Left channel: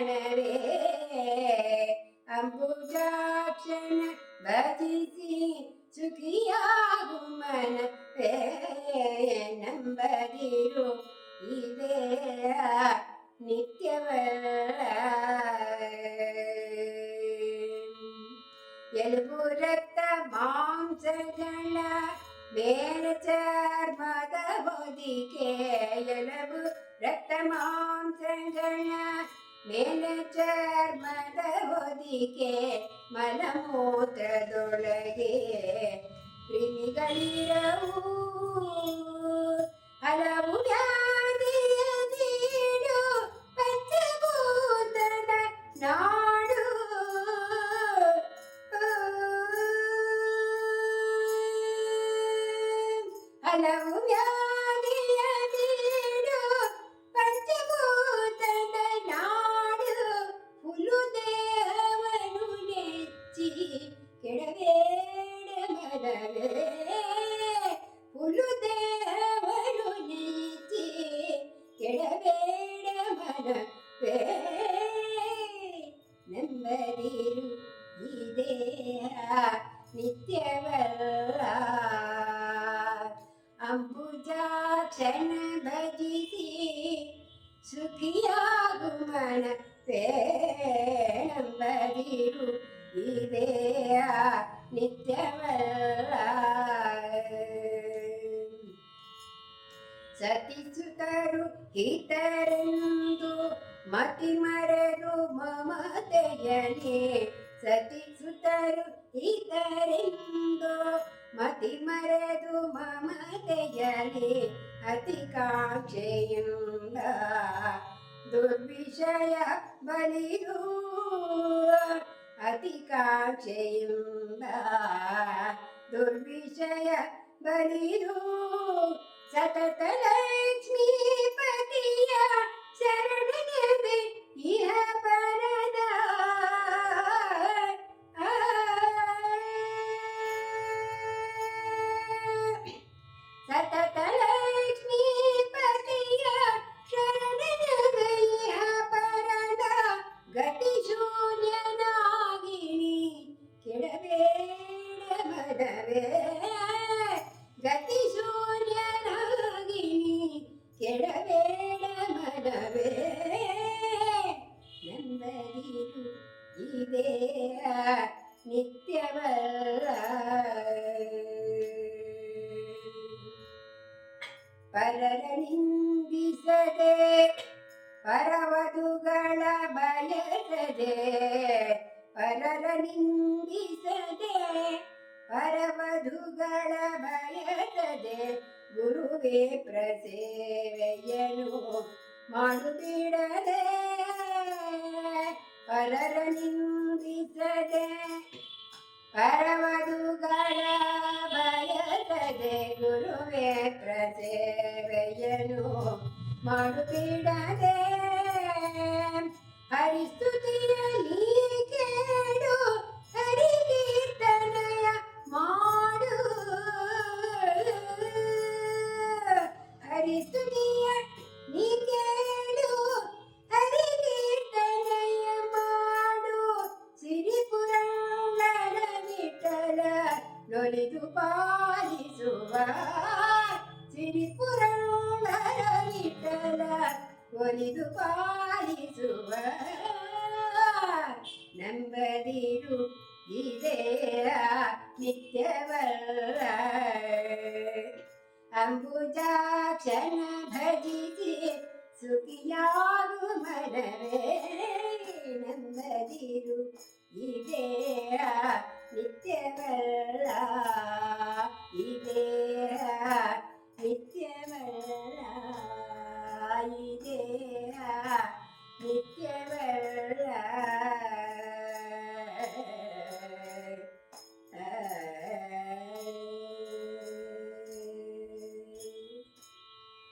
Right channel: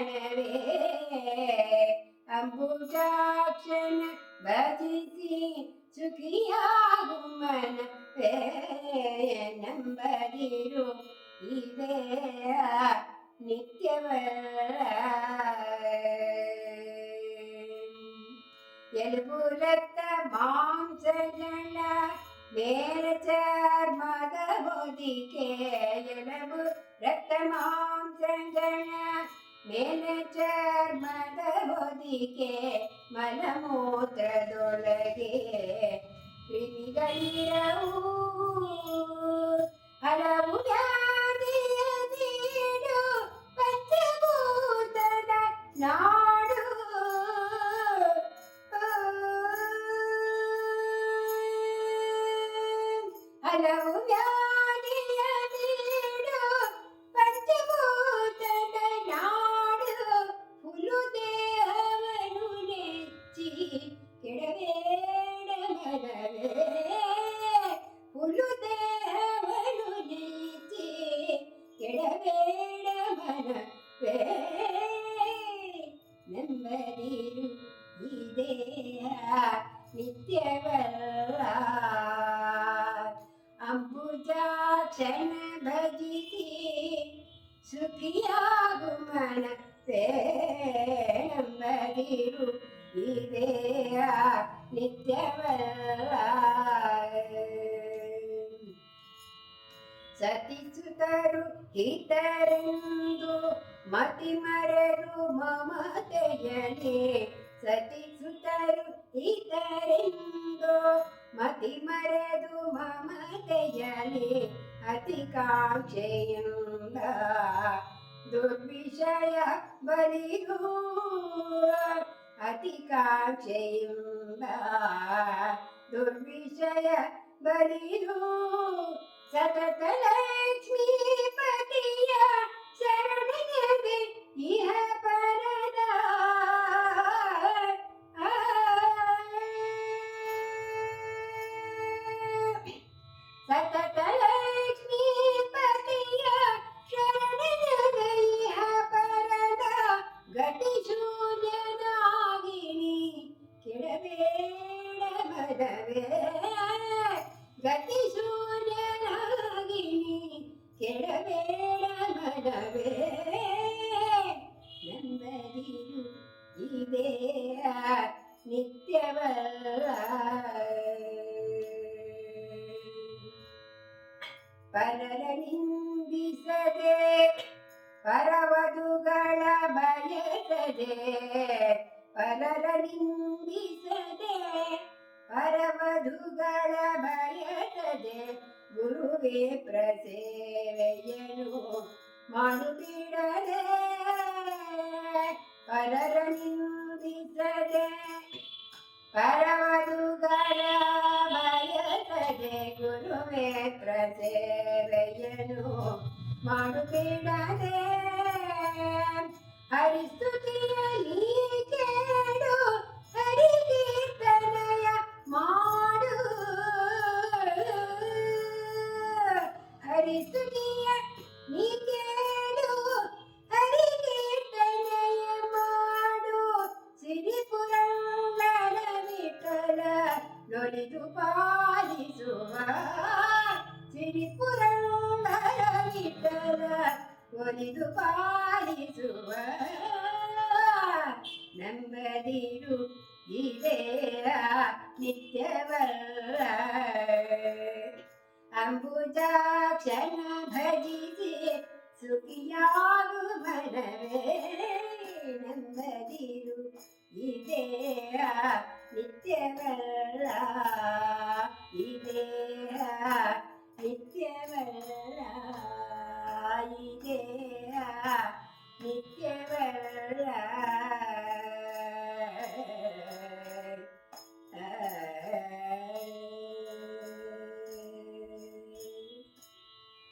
ಮನವೇ ಅಂಬುಜಾಕ್ಷನ ಭಜಿಸಿ ಸುಖಿಯಾಗು ಮನವೇ ನಂಬದಿರು ಇದೇ ನಿತ್ಯವಲ್ಲ ಎಲುಬು ರಕ್ತ ಮಾಂಸಗಳ ಬೇರೆ ಚರ್ಮದ ಹೊದಿಕೆ ಎಲುಬು ರಕ್ತ ಮಾಂಸಗಳ ಮೇಲೆ ಚರ್ಮದ ಹೊದಿಕೆ ಮಲಮೂತ್ರದೊಳಗೆ ಕ್ರಿಮಿಗಳಿರವು ಹಲವು ವ್ಯಾಧಿಯ ನೀಡು ಪಂಚಭೂತದ ನಾಡು ಹಲವು ವ್ಯಾಧಿಯ ನೀಡು ಪಂಚಭೂತದ ನಾಡು ಹುಲು ದೇವನು ನೆಚ್ಚಿ ಕೆಡಬೇಡ ಮನವೇ ಹುಲು ದೇವನು ನೆಚ್ಚಿ ಕೆಡಬೇಡ ಮನವೇ ನಂಬದಿರು ಇದೇ ನಿತ್ಯವಲ್ಲ ಅಂಬುಜಾಕ್ಷನ ಭಜಿಸಿ ಸುಖಿಯಾಗು ಮನವೇ ನಂಬದಿರು ಇದೇ ನಿತ್ಯವಲ್ಲ ಸತಿಸುತ್ತರು ಹಿತರೆಂದು ಮತಿ ಮರೆದು ಮಮತೆಯನೇ ಸತಿಸುತ್ತರು ಹಿತರೆಂದು ಮತಿ ಮರೆದು ಮಮತೆಯನೇ ಅತಿ ಕಾಂಕ್ಷೆಯಿಂದ ದುರ್ವಿಷಯ ಬಲಿಯೂ ಅತಿ ಕಾಂಕ್ಷೆಯಿಂದ ದುರ್ವಿಷಯ ಬಲಿಯೂ ಸತತ ಲಕ್ಷ್ಮೀಪತಿಯ ಶರಣೆಯದೆ ಇಹ ಪರದ ಸತತ ಲಕ್ಷ್ಮೀಪತಿಯ ಶರಣೆಯದೆ ಇಹ ಪರದ ಗತಿ ಶೂನ್ಯನಾಗಿ ಕೆಡಬೇಡ ಮನವೇ ಗತಿ ಶೂನ್ಯನಾಗಿ ಕೆಡಬೇಡ ಮನವೇ ನಂಬದಿರು ಇದೇ ನಿತ್ಯವಲ್ಲ ಪರರ ನಿಂದಿಸದೆ ಪರವಧುಗಳ ಬಯಸದೆ ಪರರ ನಿಂದಿಸದೆ ಪರವಧುಗಳ ಬಯಸದೆ ಗುರುವೇ ಪ್ರಸೇವೆಯನು ಮಾಡುತ್ತಿಡದೆ ಪರರ ನಿಂದಿಸದೆ ಪರವಧುಗಳ ಬಯಸದೆ ಗುರುವೇ ಪ್ರಸೇವೆಯನು ಮಾಡುತ್ತಿಡದೆ ಹರಿಸ್ತುತಿಯಲ್ಲಿ ಕೇಳು ಹರಿಕೀರ್ತನಯ ಮಾಡು ಹರಿಸ್ತುತಿಯ ನೀ ಕೇಳು ಹರಿಕೀರ್ತನಯ ಮಾಡು ಸಿರಿಪುರಂದರ ವಿಠಲ ನೊಲಿದು ಪಾಲಿಸುವ ಸಿರಿಪುರಂದರ ವಿಠಲ ಒಲಿದು ಪಾಲಿಸುವ ನಂಬದಿರು ಇದೇ ನಿತ್ಯವಲ್ಲ ಅಂಬುಜಾಕ್ಷನ ಭಜಿಸಿ ಸುಖಿಯಾಗು ಮನವೇ ನಂಬದಿರು ಇದೇ ನಿತ್ಯವಲ್ಲ ಇದೇ ನಿತ್ಯವಲ್ಲ ಇದೇ ನಿತ್ಯವಲ್ಲ